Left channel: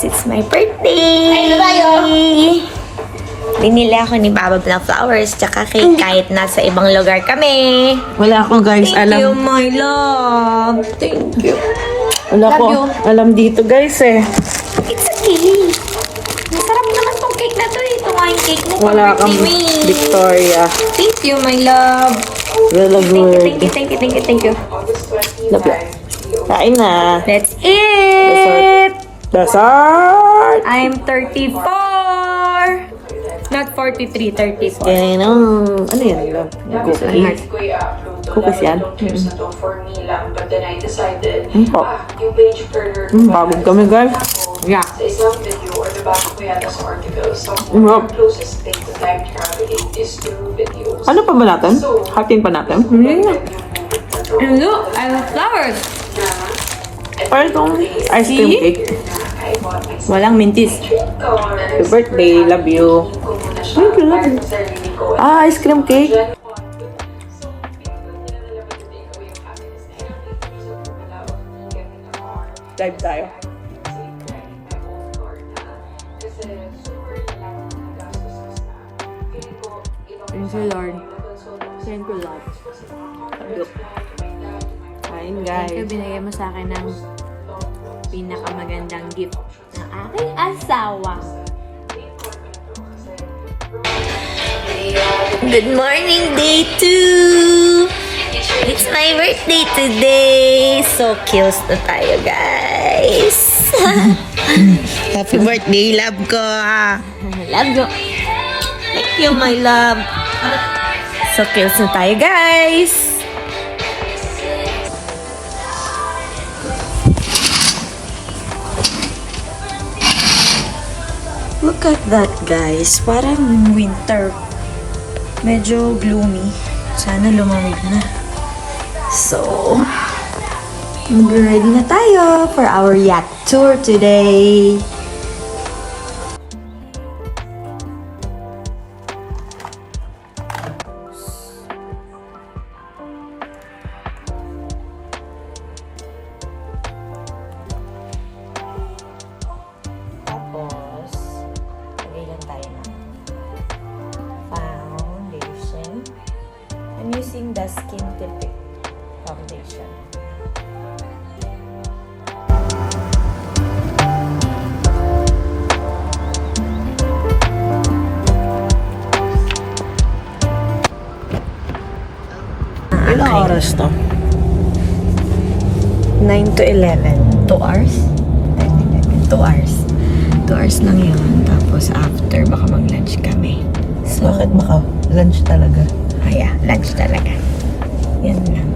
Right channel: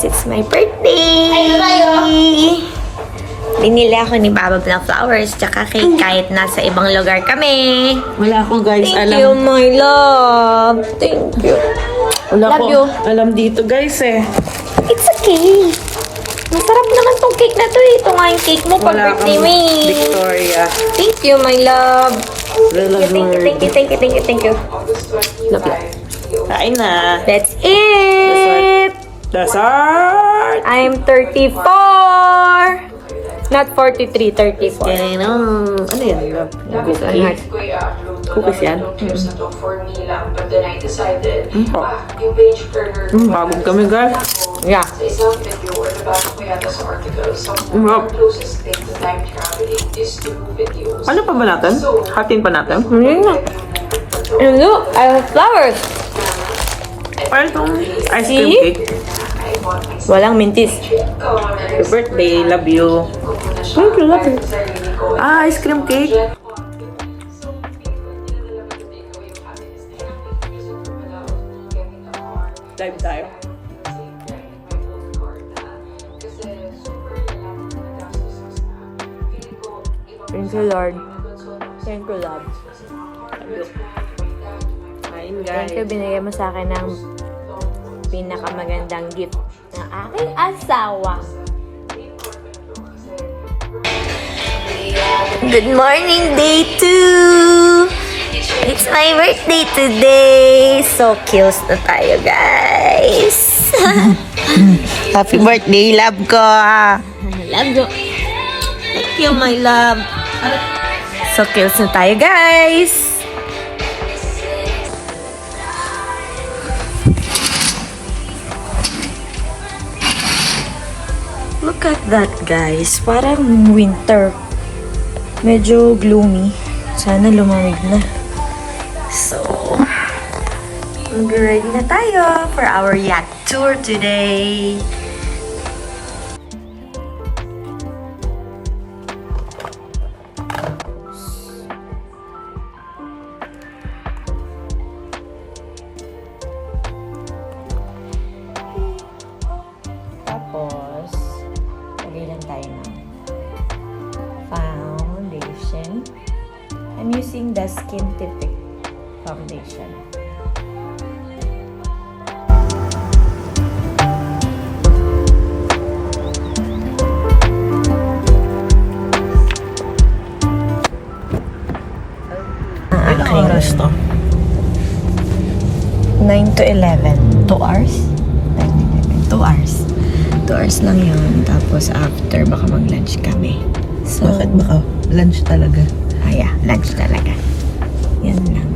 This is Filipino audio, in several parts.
guys, it's my birthday! Ay, tayo! Binili ako ni Baba ng flowers tsaka cake kahit nasa ibang lugar kami. Wala ako guys, Thank you, my love. Thank you. Wala Love ko you. alam dito guys eh. It's okay. Masarap naman tong cake na to eh. Ito nga yung cake mo pag Wala birthday kang mo eh. Victoria. Thank you, my love. Really good. Thank you. Love you. Kain na. That's it. Dessert! I'm 34. Not 43, 34. And, ano yan? Love? Cookie? Cookies yan? Po. Bagong kami guys. Yeah. Ano pa ba natin? Hatin pa natin? And look, I have flowers. Parang itong ice cream See? cake. Walang mintis. Happy birthday, love you. Thank you, love you. Ah, ice cream cake. Dive tayo. Thank you, Lord. Thank you, Lord. Kain Thank you, guys. binigay mo sa akin ng pinakamagandang gift ng aking asawa. Good morning, day 2! It's my birthday today! So cute na tayo, guys! Happy birthday, love ko. Love you! Thank you, my love! So cute na tayo, guys! Look at that guys, parang winter. Medyo gloomy. Sana lumamig na. So, ready na tayo for our yacht tour today. Tapos, lagay lang tayo ng foundation. I'm using the Skin Tipic foundation. Ilang oras to? 9 to 11. 2 hours? 2 hours. 2 hours lang yun. Tapos after, baka mag-lunch kami. So, Bakit baka lunch talaga? yeah, lunch talaga. Yan lang.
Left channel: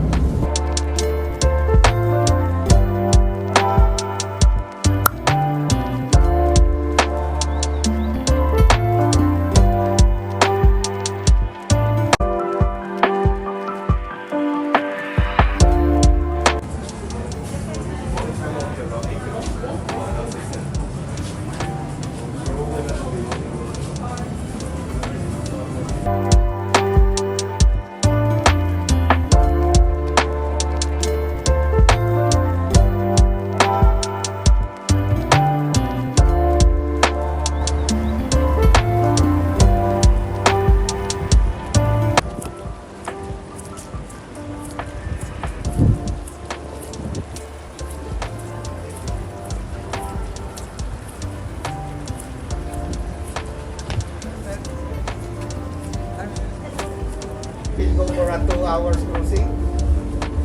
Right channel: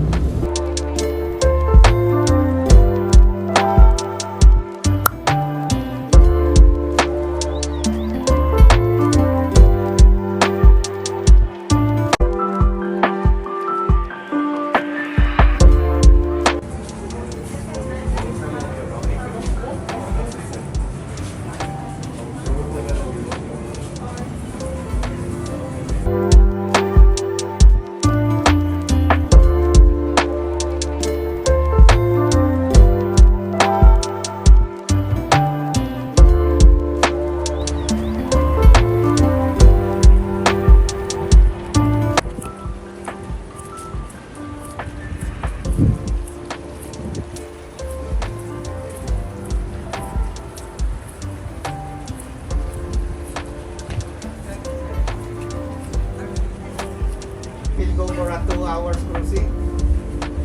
We'll go for a 2 hours cruising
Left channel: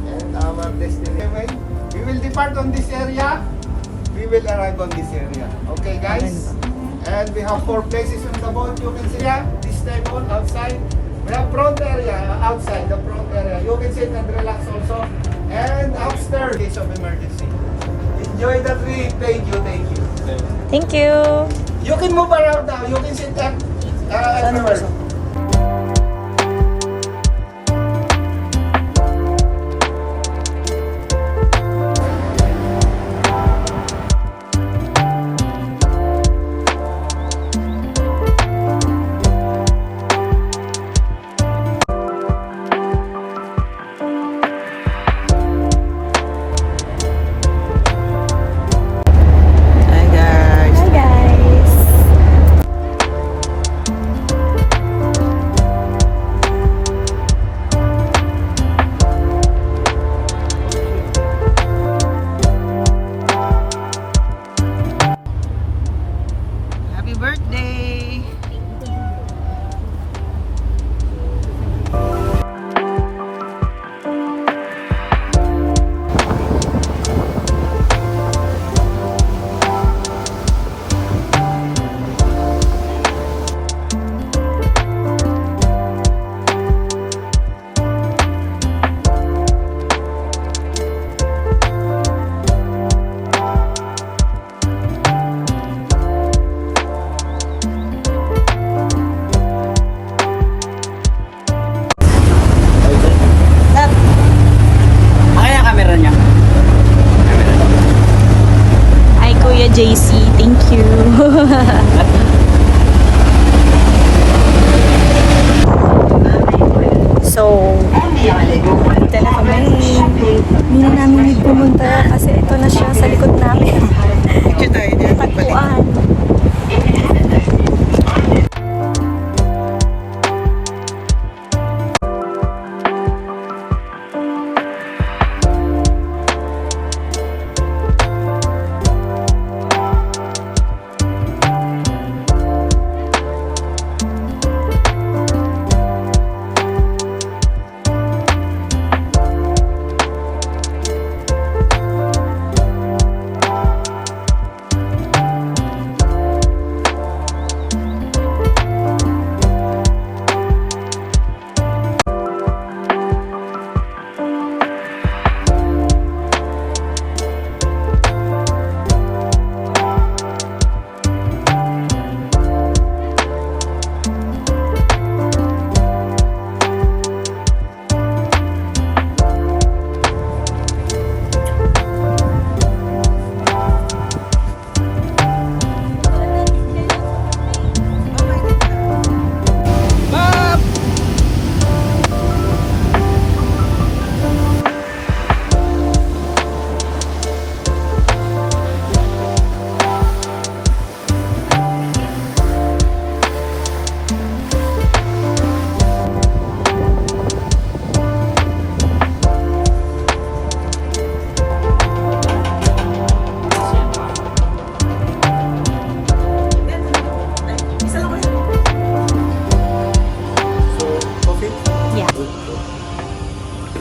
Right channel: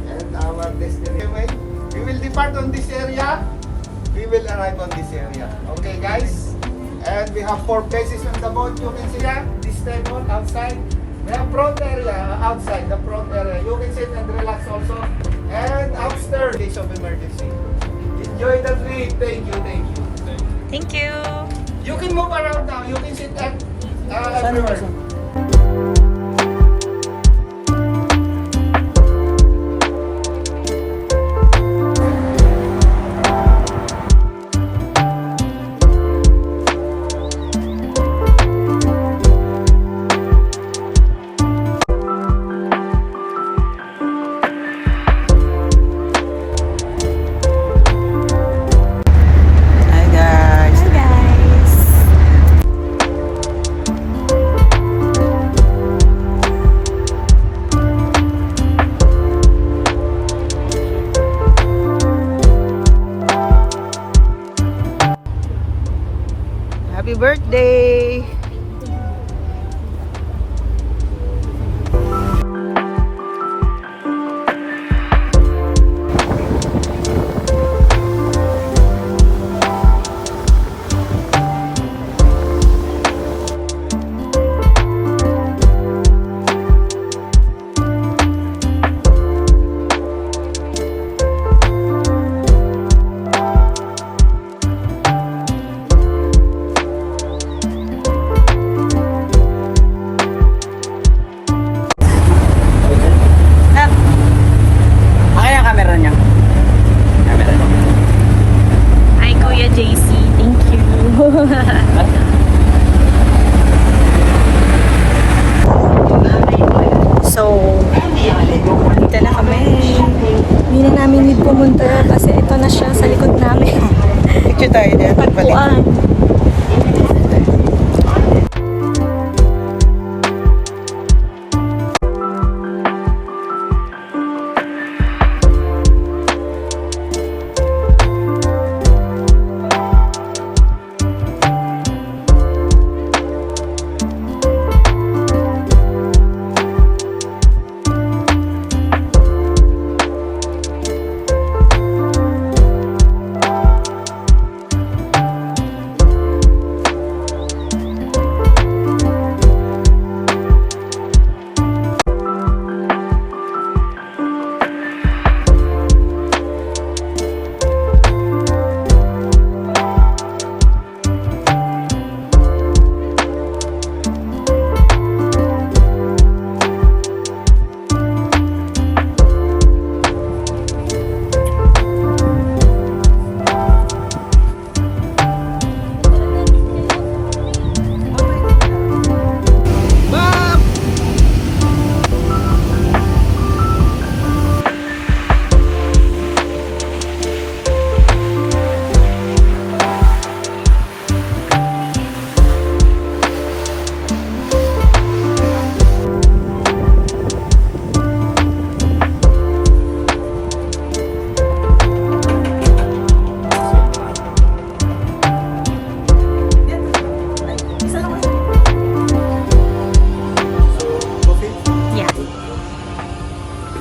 and our destination. We will depart on this area. We will arrive on this area. Okay guys? And we have 4 places on the boat. You can see here, this table outside. We have front area outside, the front area. You can sit and relax also. And upstairs, in case of emergency. Enjoy the trip. Thank you, thank you. Thank you! You can move around now. You can sit everywhere. Hi guys.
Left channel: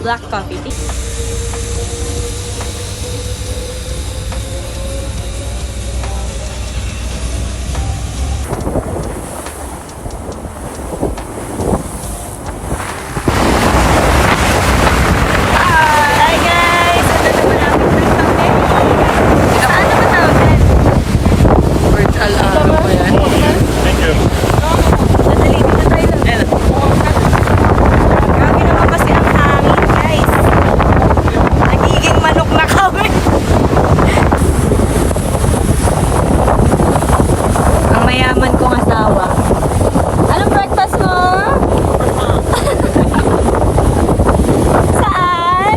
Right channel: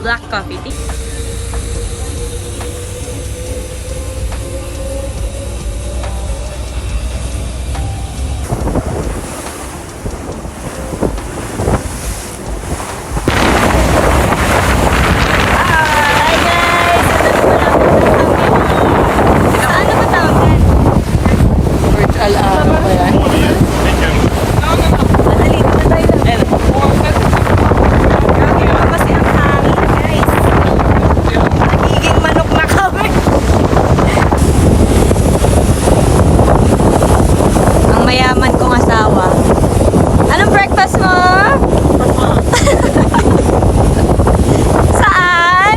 black coffee. Hi guys! Saan naman tawag? Virtual ano pa yan? Kasi ang hangin guys. Nagiging manok na kami. Ang mayaman kong asawa. Anong breakfast mo? Saan?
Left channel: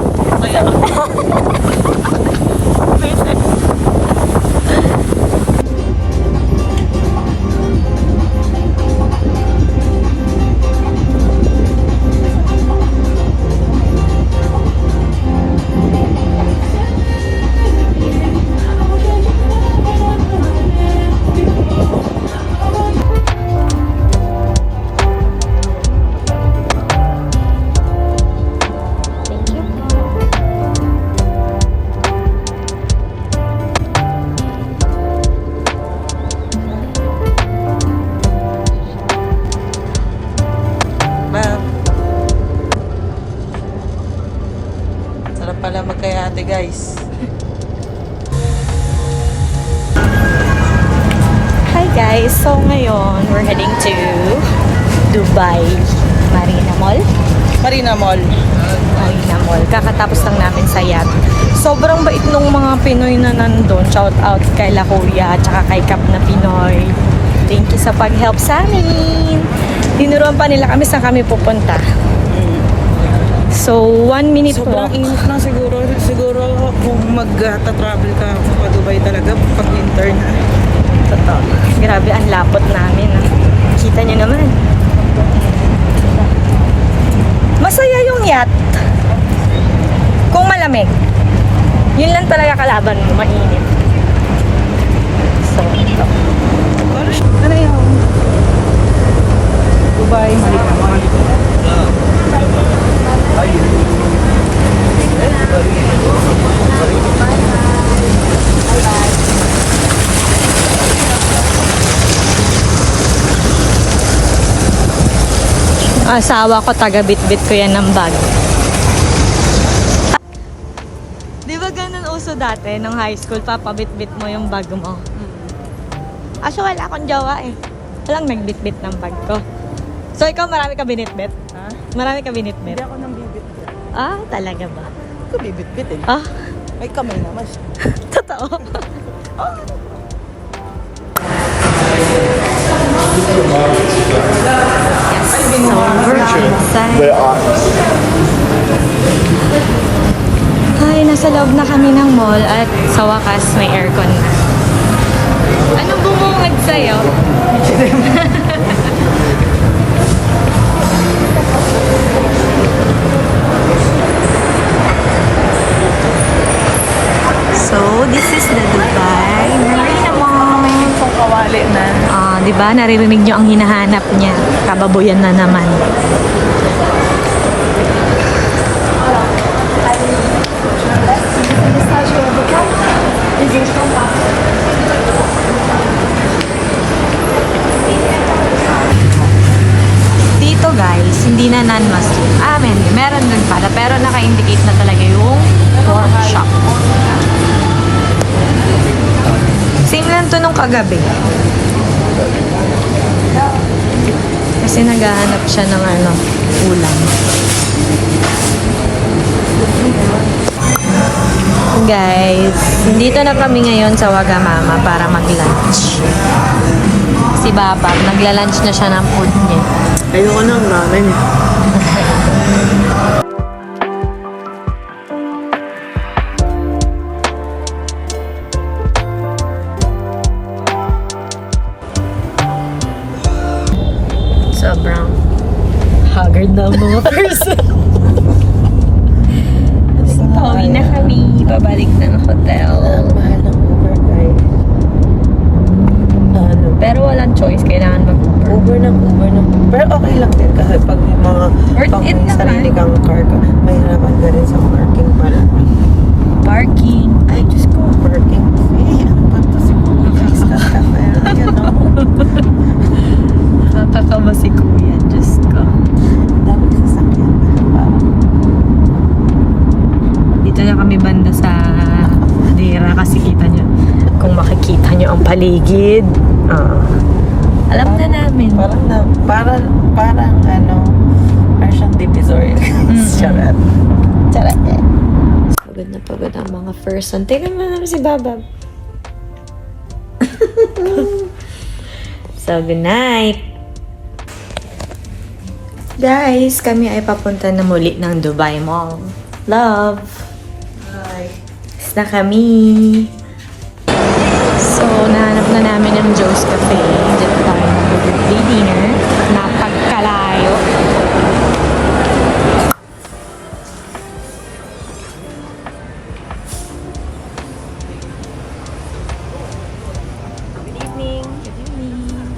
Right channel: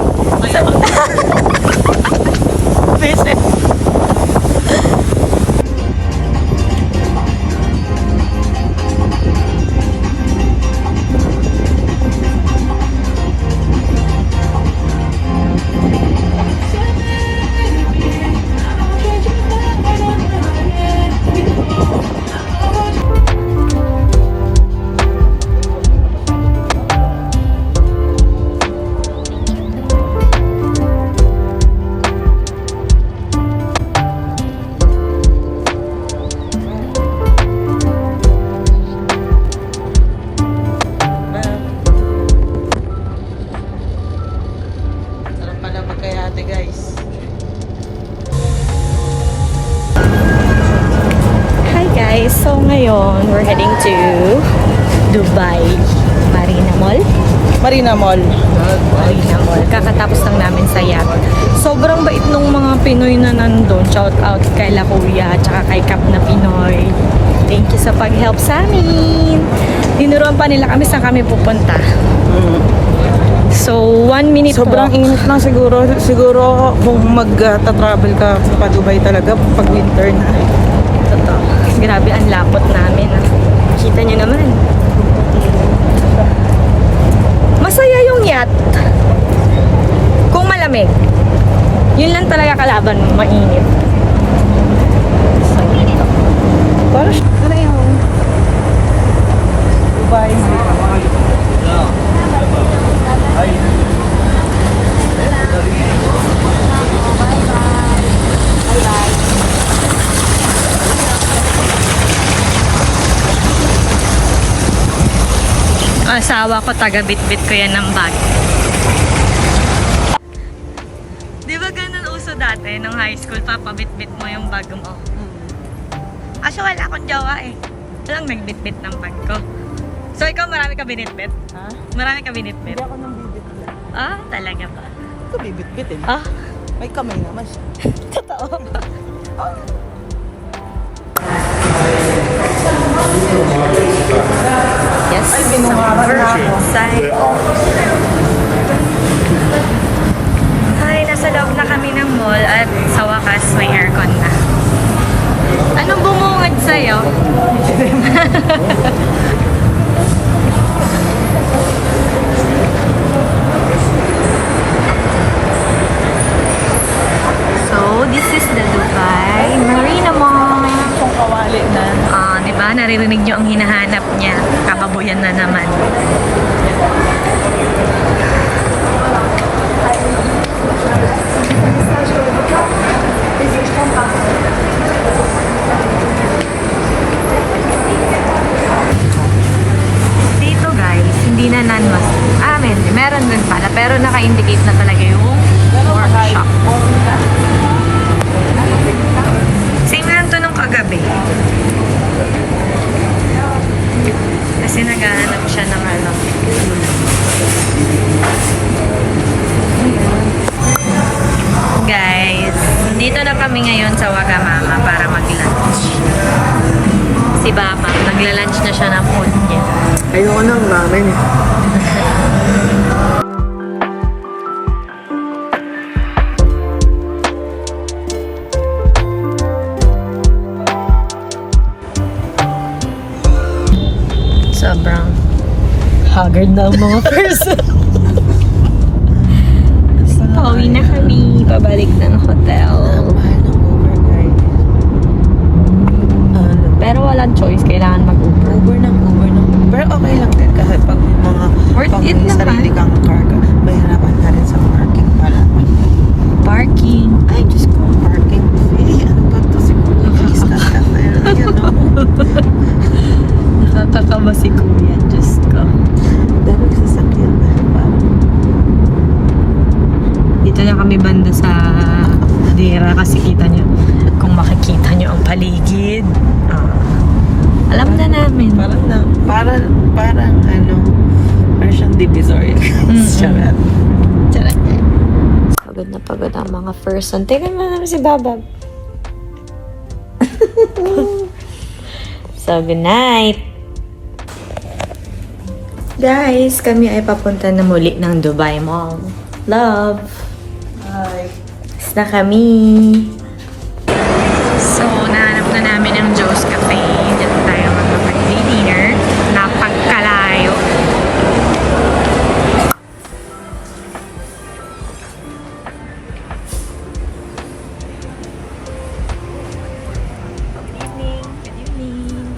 Sarap pala magkayate guys. Hi guys! So ngayon, we're heading to Dubai Marina Mall. Marina Mall. Marina Mall. Kakatapos lang namin sa yacht. Sobrang bait nung mga Pinoy na nandun. Shout out kay La Kuya at saka kay Kap na Pinoy. Thank you sa pag-help sa amin. Tinuruan pa nila kami saan kami pupunta. So, 1 minute Sobrang walk. init lang siguro. Siguro kung mag-travel ka pa Dubai talaga pag winter na. Totoo. Grabe, ang lapot namin. Ah. Kita nyo naman. Masaya yung yacht. Kung malamig. Yun lang talaga kalaban mo, mainit. So, ito. Ano yung? Dubai, Marina Mall. Asawa ko, taga-bit-bit ko yan ng bag. Di ba ganun uso dati, nung high school, papabit-bit mo yung bag mo? Aso wala akong jowa eh. Walang nagbit-bit ng bag ko. So ikaw, marami ka binit-bit? Ha? Marami ka binit-bit? Hindi ako nang bibit-bit. Ah, talaga ba? Ito bibit-bitin. Ah, May kamay naman siya. totoo ba? Yes. Ay, binuharan na ako. Ay, nasa loob na kami ng mall at sa wakas may aircon na. Anong bumungad sa'yo? So, this is the Dubai Marina Mall. Kung kawali na. Ah, di ba? Narinig niyo ang hinahanap niya. Kababoyan na naman. Dito guys, hindi na non-Muslim. Meron din pala. Pero naka-indicate na talaga yung pork shop. Same lang to nung kagabi. Kasi naghahanap siya ng ulam. Guys, dito na kami ngayon sa Wagamama para mag-lunch. Si Babab, nagla-lunch na siya ng food niya. Ayoko ng ramen eh. Sobrang haggard na ang mga person. Pauwi na kami. Pabalik ng hotel. Mahal ng Uber guys. Ano? Pero walang choice. Kailangan mag-Uber. Uber na. Pero okay lang din kasi pag mga Worth pag it may naman. sarili kang car ka, may hanapan ka rin sa parking pala. Parking. Ay, Diyos ko. Parking fee, ano ba ito? Nakakakaba si Kuya. Diyos ko. Dami sasakyan. Dito na kami banda sa Dera kasi kita nyo. Kung makikita nyo ang paligid. Alam na namin. Parang ano, Asian Divisoria. Charot. Charot. Pagod na pagod ang mga person. Tingnan mo naman si Babab. So, good night. Guys, kami ay papunta na muli ng Dubai Mall. Love. Na kami. So, nahanap na namin ang Joe's Cafe. Dito tayo mag-birthday dinner. Napagkalayo. Good evening. Good evening.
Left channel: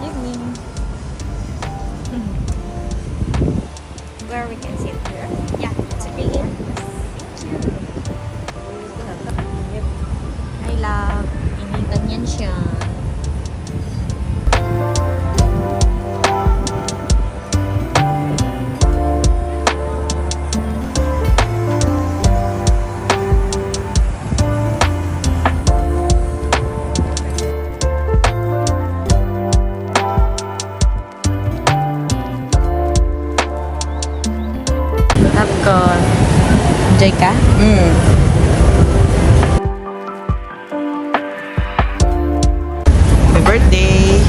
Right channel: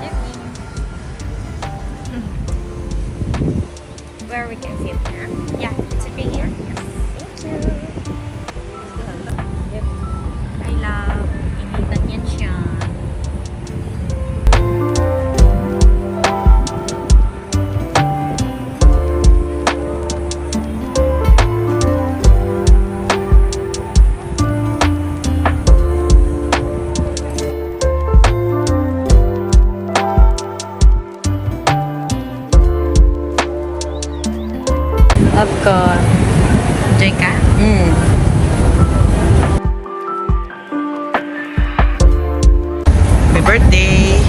Evening. Where we can sit here? Yeah, it's okay here. Thank you. Yep. I love. Initan yan siya. Love ko. Enjoy ka? Happy birthday!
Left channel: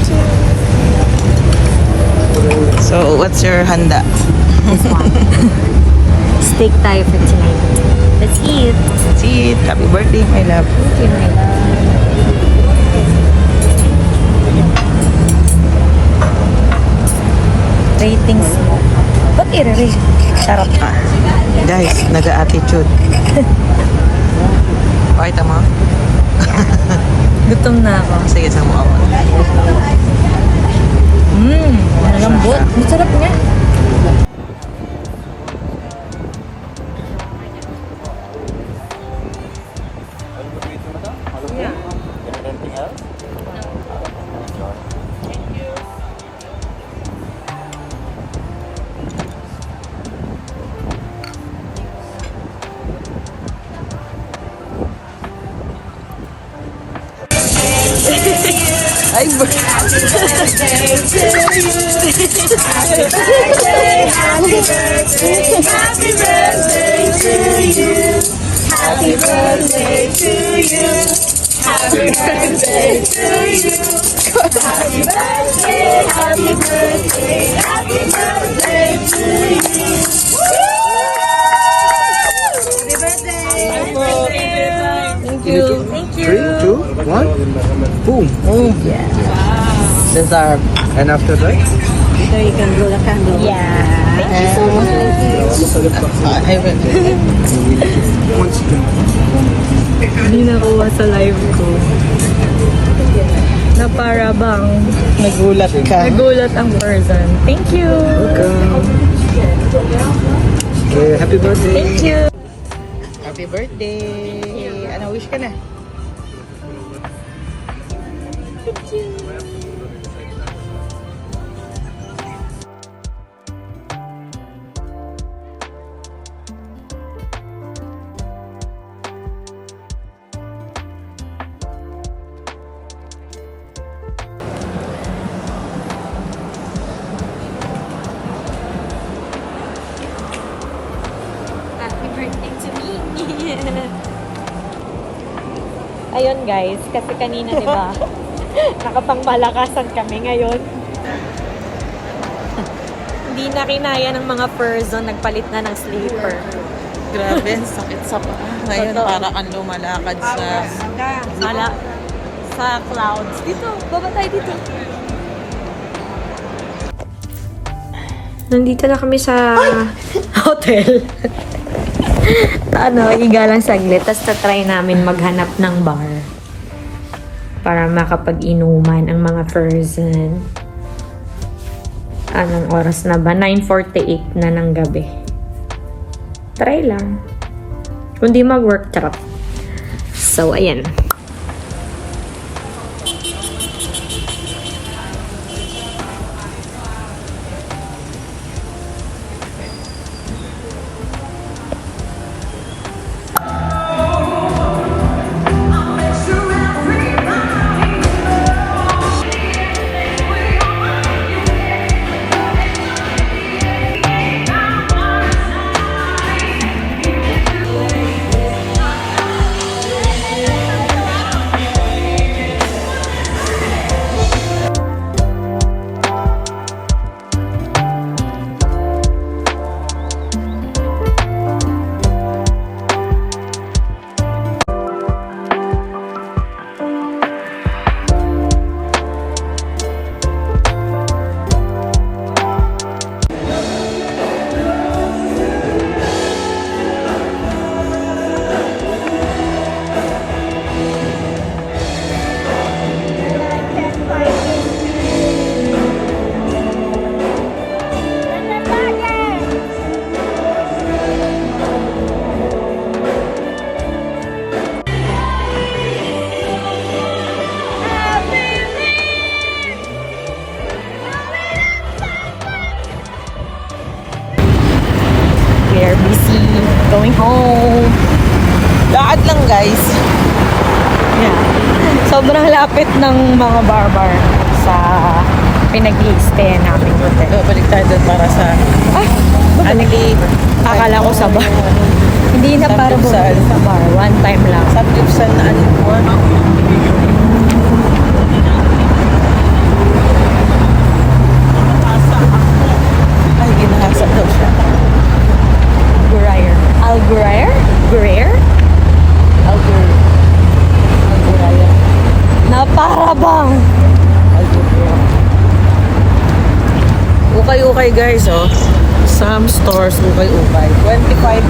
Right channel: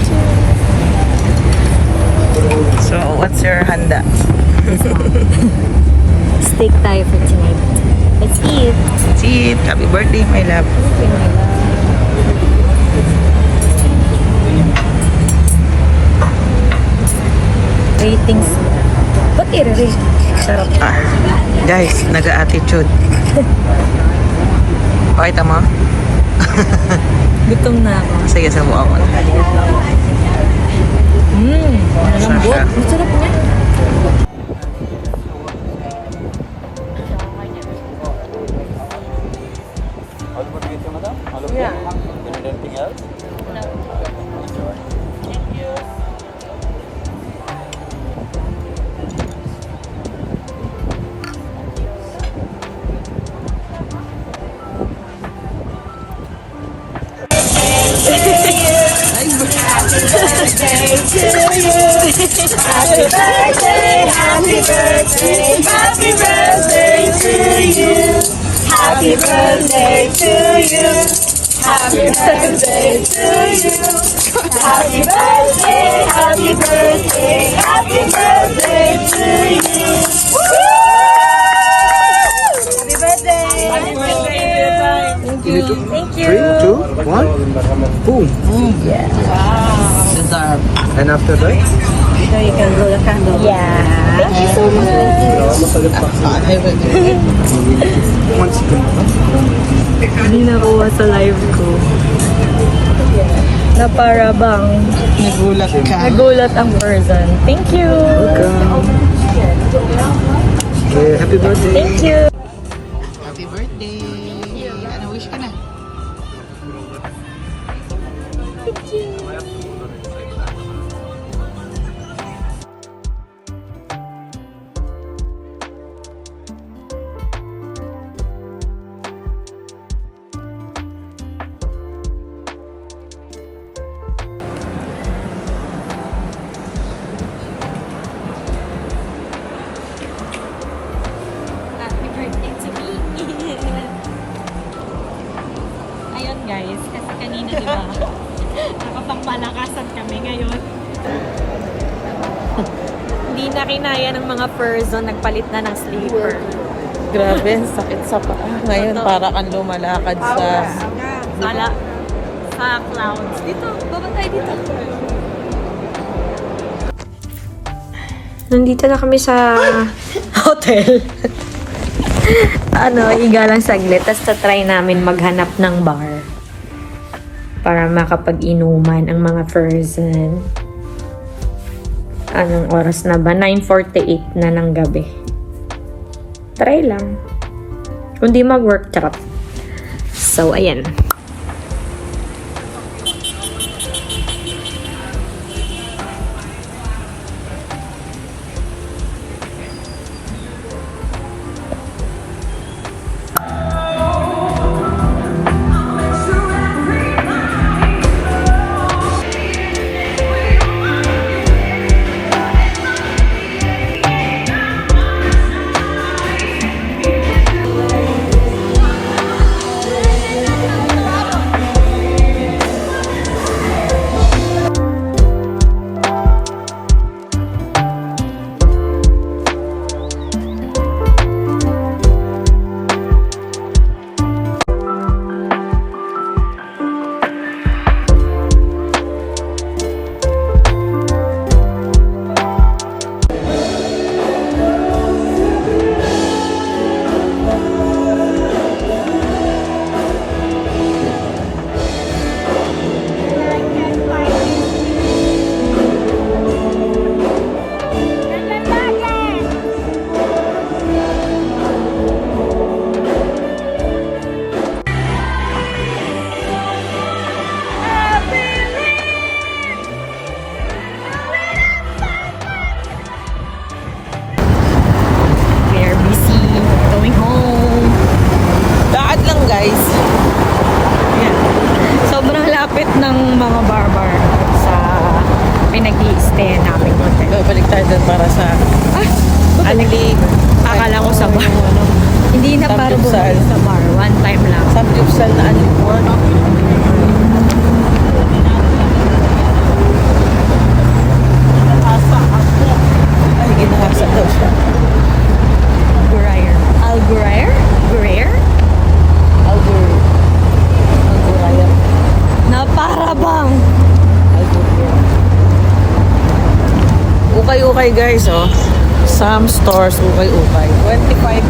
So, what's your handa? This one. Steak tayo for tonight. Let's eat. Let's eat. Happy birthday, my love. Thank you, my love. Ratings mo. Ba't i-rate? Sarap. Guys, naga-attitude. Pakita mo? Gutom na ako. Sige, sa mukha mo. Malambot. Ang sarap niya. All good with you, madam? All okay? You need anything else? No. Enjoy. Thank you. 3, 2, 1. Boom. These are... And after that? Yeah. Thank you so much. Hindi nakuha sa live ko. Na para bang Nagulat ka. nagulat ang person. Thank you. Okay, happy birthday. Thank you. Happy birthday. Ano wish ka na? Happy birthday to me. Ayun guys, kasi kanina di ba? Nakapangmalakasan kami ngayon. Hindi na kinaya ng mga person, nagpalit na ng sleeper. Grabe, ang sakit sa paa. Ngayon, para kang lumalakad sa... Sa clouds. Dito, baba tayo dito. Nandito na kami sa hotel. Higa lang saglit. Tapos try namin maghanap ng bar. Para makapag-inuman ang mga person. Anong oras na ba? 9:48 na ng gabi. Try lang. Kung di mag-work, charot. So, ayan. Going home. Lakad lang, guys. Yeah. Sobrang lapit ng mga bar-bar sa pinag-i-stay namin hotel. Balik tayo doon para sa Anli. Akala ko sa bar. Hindi na para bumalik sa bar. One time lang. Samgyupsal na Anlibuan. Ay, ginahasa daw siya. Gurayer. Al-Gurayer? Gurayer? Al-Guraya. Na para bang Al-Guraya. Ukay-ukay, guys, oh. Some stores, ukay-ukay. 25.